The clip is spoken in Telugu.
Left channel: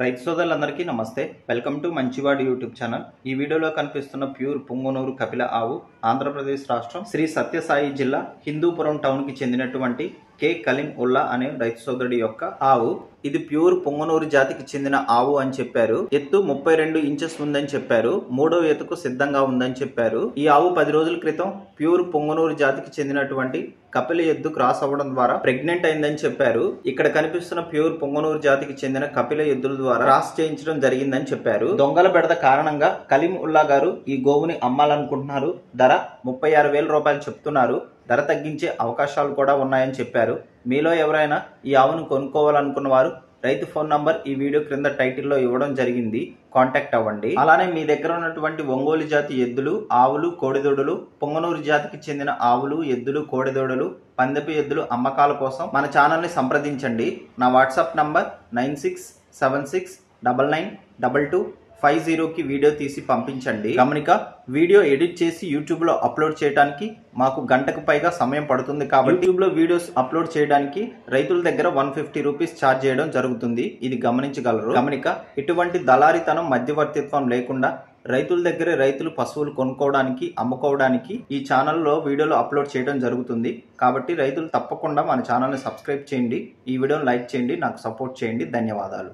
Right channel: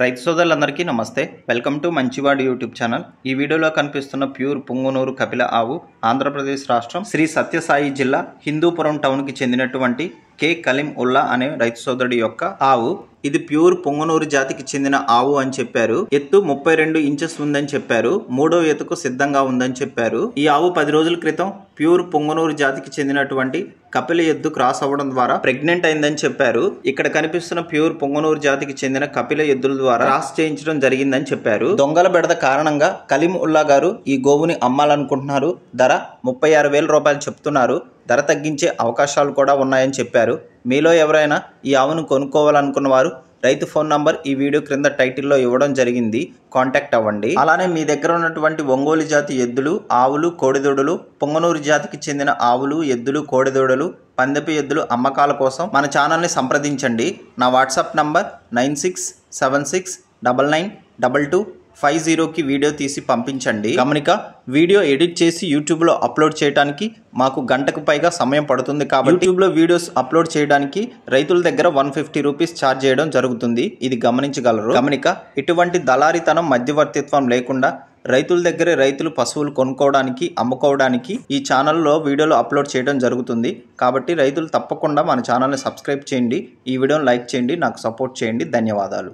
రైతు సోదరులందరికీ నమస్తే. వెల్కమ్ టు మంచివాడు యూట్యూబ్ ఛానల్. ఈ వీడియోలో కనిపిస్తున్న ప్యూర్ పుంగనూరు కపిల ఆవు ఆంధ్రప్రదేశ్ రాష్ట్రం శ్రీ సత్యసాయి జిల్లా హిందూపురం టౌన్కి చెందినటువంటి కే కలీం ఉల్లా అనే రైతు సోదరుడి యొక్క ఆవు. ఇది ప్యూర్ పొంగనూరు జాతికి చెందిన ఆవు అని చెప్పారు. ఎత్తు 32 ఇంచెస్ ఉందని చెప్పారు. మూడో ఎత్తుకు సిద్ధంగా ఉందని చెప్పారు. ఈ ఆవు 10 రోజుల క్రితం ప్యూర్ పొంగనూరు జాతికి చెందినటువంటి కపిల ఎద్దు క్రాస్ అవ్వడం ద్వారా ప్రెగ్నెంట్ అయిందని చెప్పారు. ఇక్కడ కనిపిస్తున్న ప్యూర్ పొంగనూరు జాతికి చెందిన కపిల ఎద్దుల ద్వారా క్రాస్ చేయించడం జరిగిందని చెప్పారు. దొంగల బెడద కారణంగా కలీం ఉల్లా గారు ఈ గోవుని అమ్మాలనుకుంటున్నారు. ధర 36,000 రూపాయలు చెప్తున్నారు. ధర తగ్గించే అవకాశాలు కూడా ఉన్నాయని చెప్పారు. మీలో ఎవరైనా ఈ ఆవును కొనుక్కోవాలనుకున్న వారు రైతు ఫోన్ నంబర్ ఈ వీడియో క్రింద టైటిల్లో ఇవ్వడం జరిగింది. కాంటాక్ట్ అవ్వండి. అలానే మీ దగ్గర ఉన్నటువంటి ఒంగోలు జాతి ఎద్దులు, ఆవులు, కోడిదూడలు, పొంగనూరు జాతికి చెందిన ఆవులు, ఎద్దులు, కోడిదూడలు, పందెపు ఎద్దులు అమ్మకాల కోసం మన ఛానల్ని సంప్రదించండి. నా వాట్సాప్ నంబర్ 9676992250కి వీడియో తీసి పంపించండి. గమనిక, వీడియో ఎడిట్ చేసి యూట్యూబ్లో అప్లోడ్ చేయడానికి మాకు గంటకు పైగా సమయం పడుతుంది. కాబట్టి యూట్యూబ్లో వీడియోస్ అప్లోడ్ చేయడానికి రైతుల దగ్గర 150 రూపీస్ ఛార్జ్ చేయడం జరుగుతుంది. ఇది గమనించగలరు. గమనిక, ఇటువంటి దళారితనం, మధ్యవర్తిత్వం లేకుండా రైతుల దగ్గరే రైతులు పశువులు కొనుక్కోవడానికి, అమ్ముకోవడానికి ఈ ఛానల్లో వీడియోలు అప్లోడ్ చేయడం జరుగుతుంది. కాబట్టి రైతులు తప్పకుండా మన ఛానల్ని సబ్స్క్రైబ్ చేయండి, ఈ వీడియోని లైక్ చేయండి, నాకు సపోర్ట్ చేయండి. ధన్యవాదాలు.